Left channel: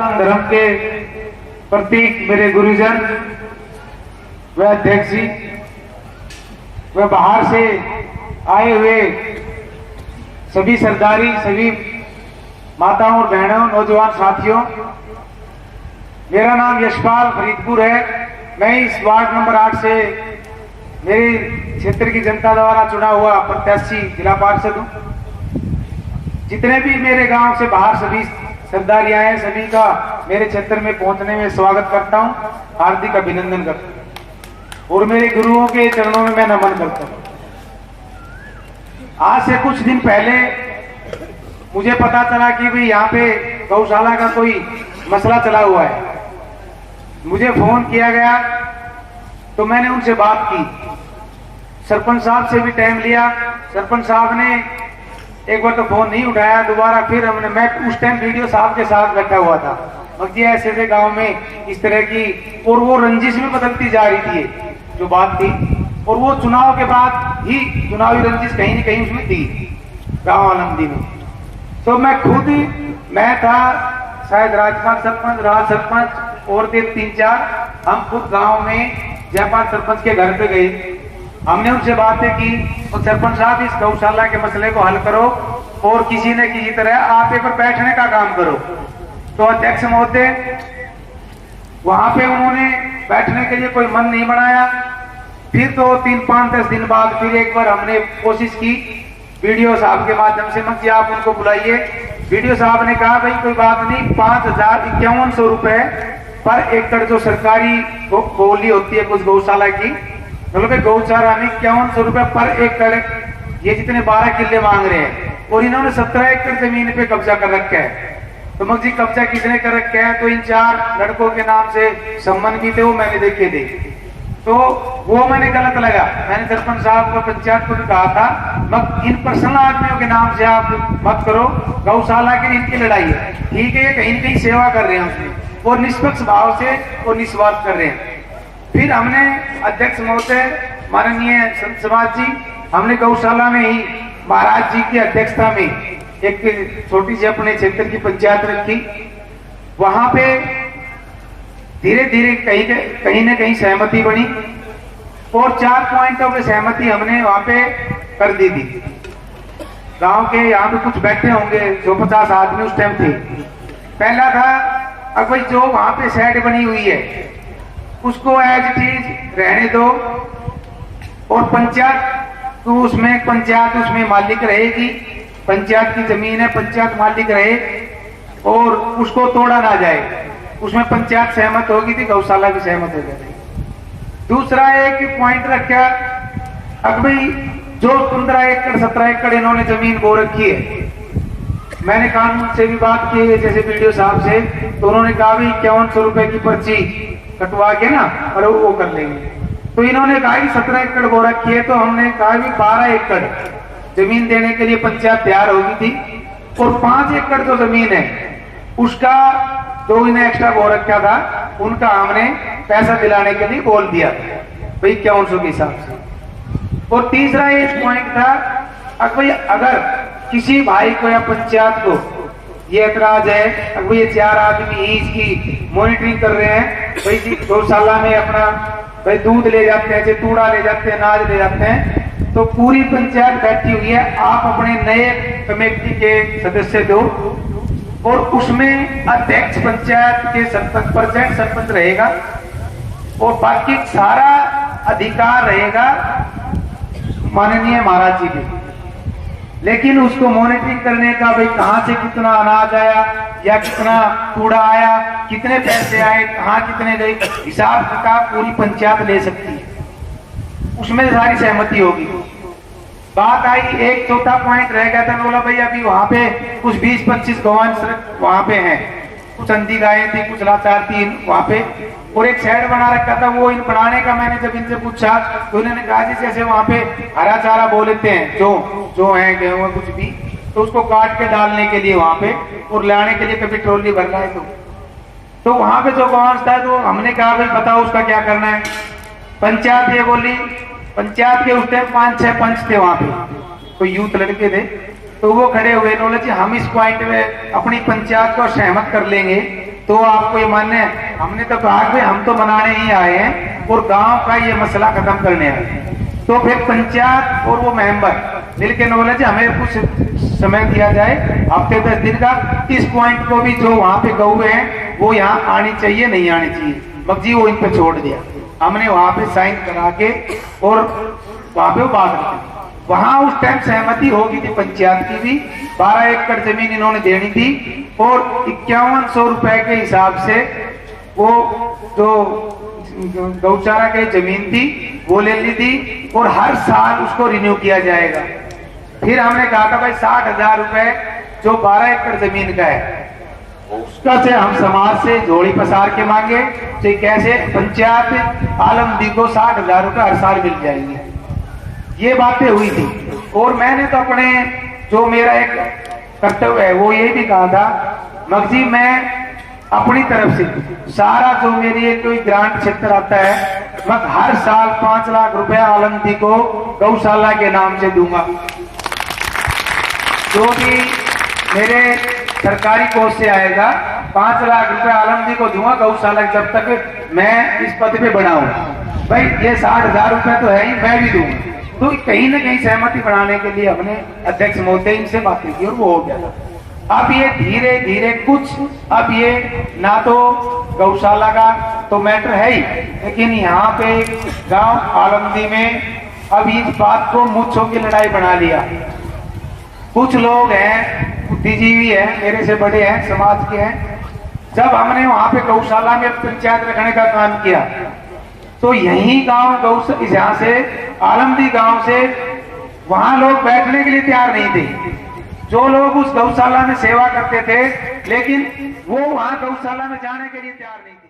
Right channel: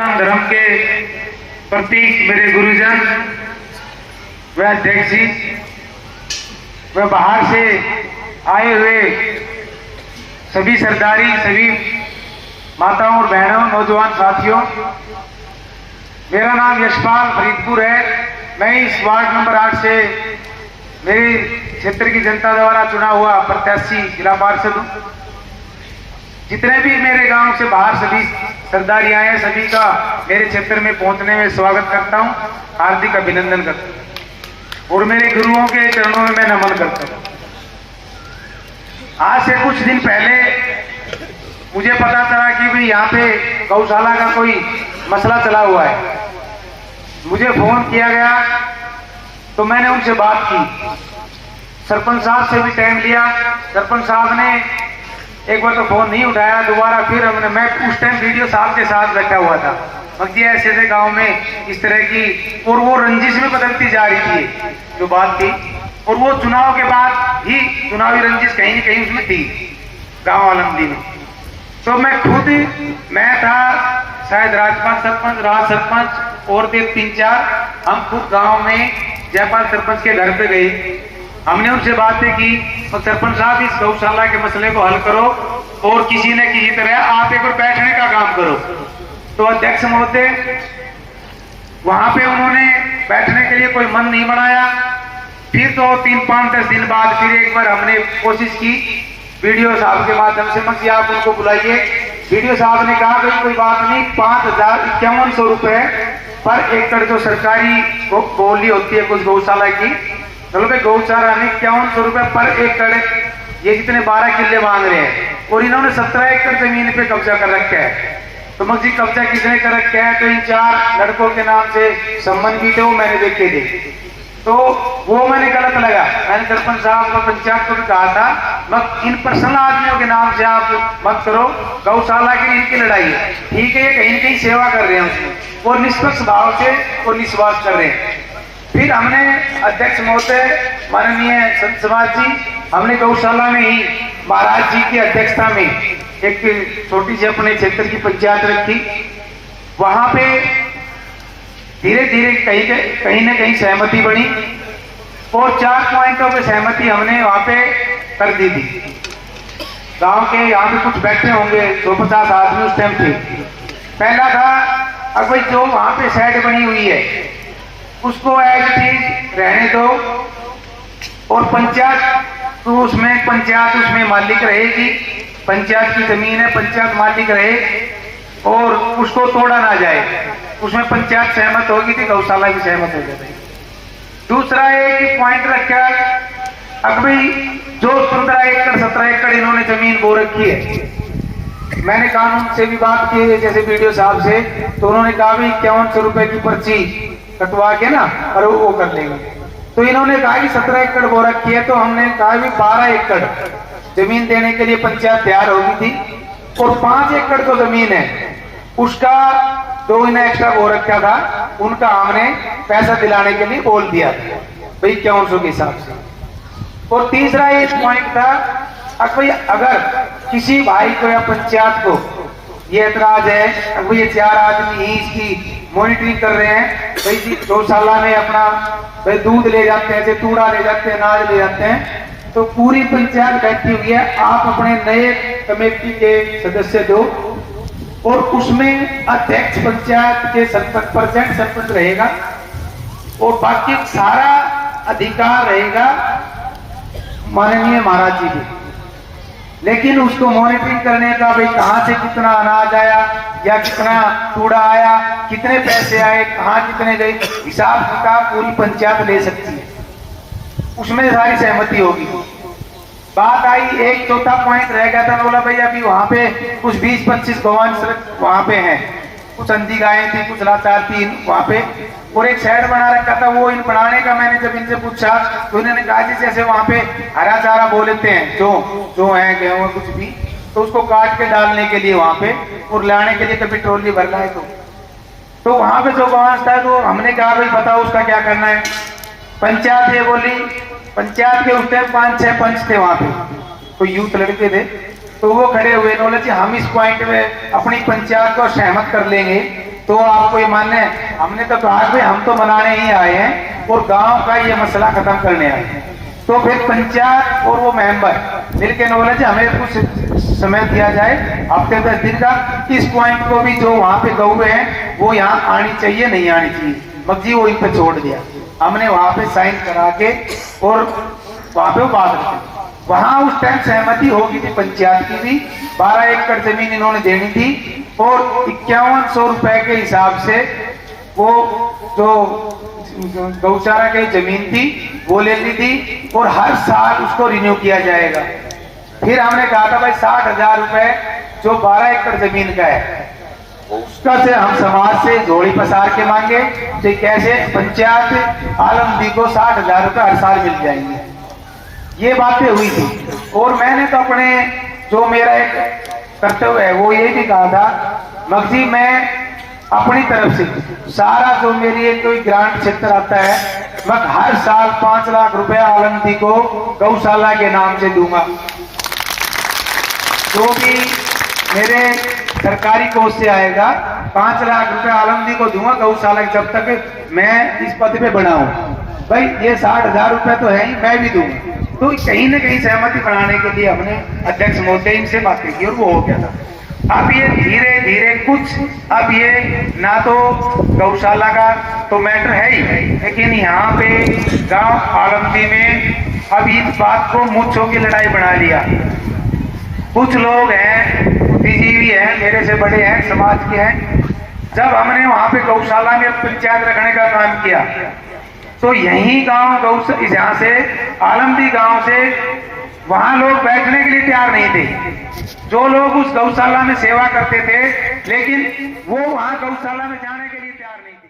धर्म के प्रतीक मेरे गुरुजन व अध्यक्ष जी व बाहर से आए हुए सभी सरदारी, सभी माताओं और बहनों, नौजवान साथियों, मेरा नाम यशपाल फरीदपुर है। मैं इस वार्ड नंबर 8 से मेरे क्षेत्र की जनता द्वारा चुना हुआ प्रत्याशी जिला पार्षद हूँ। जितने भी मेरे गांव से बाहर सभी सरदारी आए हैं, सभी का मेरे क्षेत्र में पहुंचने में स्वागत करता हूं, हार्दिक अभिनंदन करता हूं और मेरे गुरुओं के चरणों में मैं नमन करता हूं। आज से कुछ दिन पहले मुझे पता चला कि भाई यहाँ पे गौशाला का कोई मसला चला हुआ है। मुझे फोन किया गया तो मैंने उनसे बात की। सरपंच साहब से भी टाइम लिया। सरपंच साहब ने एक बार तो फोन नहीं उठाया, दोबारा फिर मैं उस टाइम वीडियो साहब के साथ बैठा हुआ था। बाकी ऐसे गांव में इस तरह की और वो रंजिश में बदलती जा रही थी जो बात थी, और वो चुनाव के बाद ही चुनावी रंजिश कहीं न कहीं उसमें थी गाँव आलमदी में। तो मैं खुद, मैं था, शायद राजपाल सरपंच, राज सरपंच और थे 3-4, हम खुद गाँव में जयपाल सरपंच के घर पे गए। हमने उनसे बातें की और सरपंच साहब इस गौशाला के मसले को हल करो और किसी न किसी तरह आप एक बार बैठने का काम करो। तो अध्यक्ष महोदय वहां पे उन्होंने बैठने के लिए कोई मन नहीं बनाया। फिर तो 3-5-10 दिन बाद फिर एक बार हमने कोशिश की वीडियो साहब के माध्यम से, मत आप उनको बुलाइए। वीडियो साहब ने कहा भाई कोई बात नहीं, 5,5100 रुपए पर एकड़ जो सरकारी बोली होती है कुछ गौशाला की, चलो भाई गौशाला में 5100 रुपए पर एकड़, ये जितने 12 किले मांग रहे हैं और इन्होंने 17 एकड़ जमीन पे कब्जा कर रखा है। तो मुझे कब्जा किसने कर रखा है? तो इन 4 लड़कों के नाम से संबंध भी थे, वो मैंने देखे थे। तो वो मैंने गलत लगा। मैंने सरपंच साहब को, पंचायत को भी कहा था मत इन पर्सनल आदमियों के नाम से आप मत करो, गौशाला की इनकी लड़ाई है, ठीक है, कहीं न कहीं सेवा कर रहे हैं उसमें और निष्पक्ष भाव से और निस्वार्थ कर रहे हैं। फिर हमने अध्यक्ष महोदय, माननीय संत समाज जी, हमने गौशाला में ही महाराज जी की अध्यक्षता में एक छोटी सी अपने क्षेत्र की पंचायत रखी। वहां पे धीरे धीरे कहीं न कहीं सहमति बनी और 4 पॉइंटों पे सहमति हमने वहां पे कर दी थी। गांव के यहाँ पे कुछ बैठे होंगे 150 आदमी उस टाइम थे। पहला था अब जो वहां पे शेड बनी हुई है उसको एज इट इज रहने दो और पंचायत तो उसमें मालिक रहेगी, पंचायत की जमीन है, पंचायत मालिक रहे और उसको तोड़ा ना जाए। उसमें पंचायत सहमत होगी थी, गौशाला भी सहमत हो जाएगी। दूसरा एक पॉइंट रखा, अब भाई जो 15 एकड़ 17 एकड़ इन्होंने जमीन बो रखी है, मैंने कानून से भी बात की जैसे वीडियो साहब से, तो उन्होंने कहा भी 5100 रुपए की पर्ची कटवा के ना और वो कर लेंगे। तो इन्होंने कहा कि 17 एकड़ बो रखी है, तो हमने कहा भी 12 एकड़ जमीन देने के लिए पंचायत तैयार होगी थी और 5 एकड़ जो जमीन है उसका जो इन्हें एक्स्ट्रा बो रखा था उनका हमने पैसा दिलाने के लिए बोल दिया भाई 5100 के हिसाब से। और तीसरा एक पॉइंट था, अगर किसी भाई को या पंचायत को ये एतराज है, अब ये 4 आदमी ही इसकी मॉनिटरिंग कर रहे हैं, भाई गौशाला में अपना भाई दूध ले जाते हैं, तूड़ा ले जाते हैं, अनाज ले जाते हैं, तो पूरी पंचायत बैठी हुई है, आप अपने नए कमेटी के सदस्य दो और उसमें अध्यक्ष पंचायत के 70% सरपंच रहेगा और बाकी सारा अधिकार रहेगा माननीय महाराज जी के। लेकिन उसको मॉनिटरिंग करने का भाई कहां से कितना अनाज आया या कितना कूड़ा आया, कितने पैसे आए, कहां कितने गए, हिसाब किताब पूरी पंचायत ले सकती है, उसमें सारी सहमति होगी। बात आई एक चौथा पॉइंट रह गया था, बोला भाई अभी वहां पे कुछ 20-25 गौवान वहां पे हैं, कुछ अंधी गायें थी, कुछ लाचार थी वहां पे, और एक शेड बना रखा था। वो इन बनाने का मैंने जब इनसे पूछा तो इन्होंने कहा जी जैसे वहां पे हरा चारा बो लेते हैं जो है गेहूं कुछ भी, तो उसको काट के डालने के लिए वहां पे और लाने के लिए कभी ट्रॉली भरना है तो वहां पे जो गौवांश था, तो हमने कहा भाई बताओ उसका क्या करना है। पंचायत ये बोली, पंचायत के उस टाइम 5-6 पंच थे वहां पे, तो यूथ लड़के थे, तो वो खड़े हुए, बोले जी हम इस पॉइंट में अपनी पंचायत को सहमत कर लेंगे तो आपको ये मानना है? हमने तो कहा कि हम तो बनाने ही आए हैं और गांव का ये मसला खत्म करने आए हैं। तो फिर पंचायत और वो मेंबर मिलकर बोले थे हमें कुछ समय दिया जाए, हफ्ते 10 दिन का, इस पॉइंट को भी जो वहां पे गऊ हैं वो यहाँ आनी चाहिए नहीं आनी चाहिए, मगजी वो इन पे छोड़ दिया। हमने वहां पे साइन करा के और वहां पे वो बात रखी। वहां उस टाइम सहमति होगी थी पंचायत की भी, 12 एकड़ जमीन इन्होंने देनी थी और 5100 रुपए के हिसाब से वो जो गौशाला की जमीन थी वो ले ली थी और हर साल उसको रिन्यू किया जाएगा। फिर हमने कहा था भाई 60,000 रुपए जो 12 एकड़ जमीन का है उसका से हम समाज से जोड़ी पसार के मांगे तो कैसे पंचायत आलमदी को 60,000 रुपए हर साल मिल जाएंगे। ये बातें हुई थी और मैंने तो अपने जो मेरा एक कर्तव्य है वो ये भी कहा था, मगजी मैं अपनी तरफ से सारा जो मेरी कोई ग्रांट क्षेत्र आता है मैं हर साल 5 लाख रुपए आलमदी को गौशाला के नाम से दूंगा। जो भी मेरे सरकारी कोष से आएगा 5 लाख रुपए आलमदी को दूंगा गौशाला, जब तक मैं इस पद पे बना हूं। भाई ये 60,000 रुपए तो है ही, मैं भी दूंगा। तो कहीं ना कहीं सहमति बनाने के लिए हमने अध्यक्ष महोदय इनसे बातें की और वो हो गया था। अब ये धीरे धीरे कुछ, अब ये ना तो गौशाला का तो मैटर है ही, लेकिन यहाँ पे गांव आलमदी में अब इस बात को मुच्छों की लड़ाई बना लिया। कुछ लोग हैं बुद्धिजीवी हैं, मेरे से बड़े हैं, समाज के हैं। जब हमने वहां पे गौशाला में पंचायत रखने का काम किया तो यही गांव यहाँ से आलमदी गांव से वहां लोग बैठने के लिए तैयार नहीं थे। जो लोग उस गौशाला में सेवा करते थे लेकिन वो वहां गौशाला में जाने के लिए तैयार नहीं थे।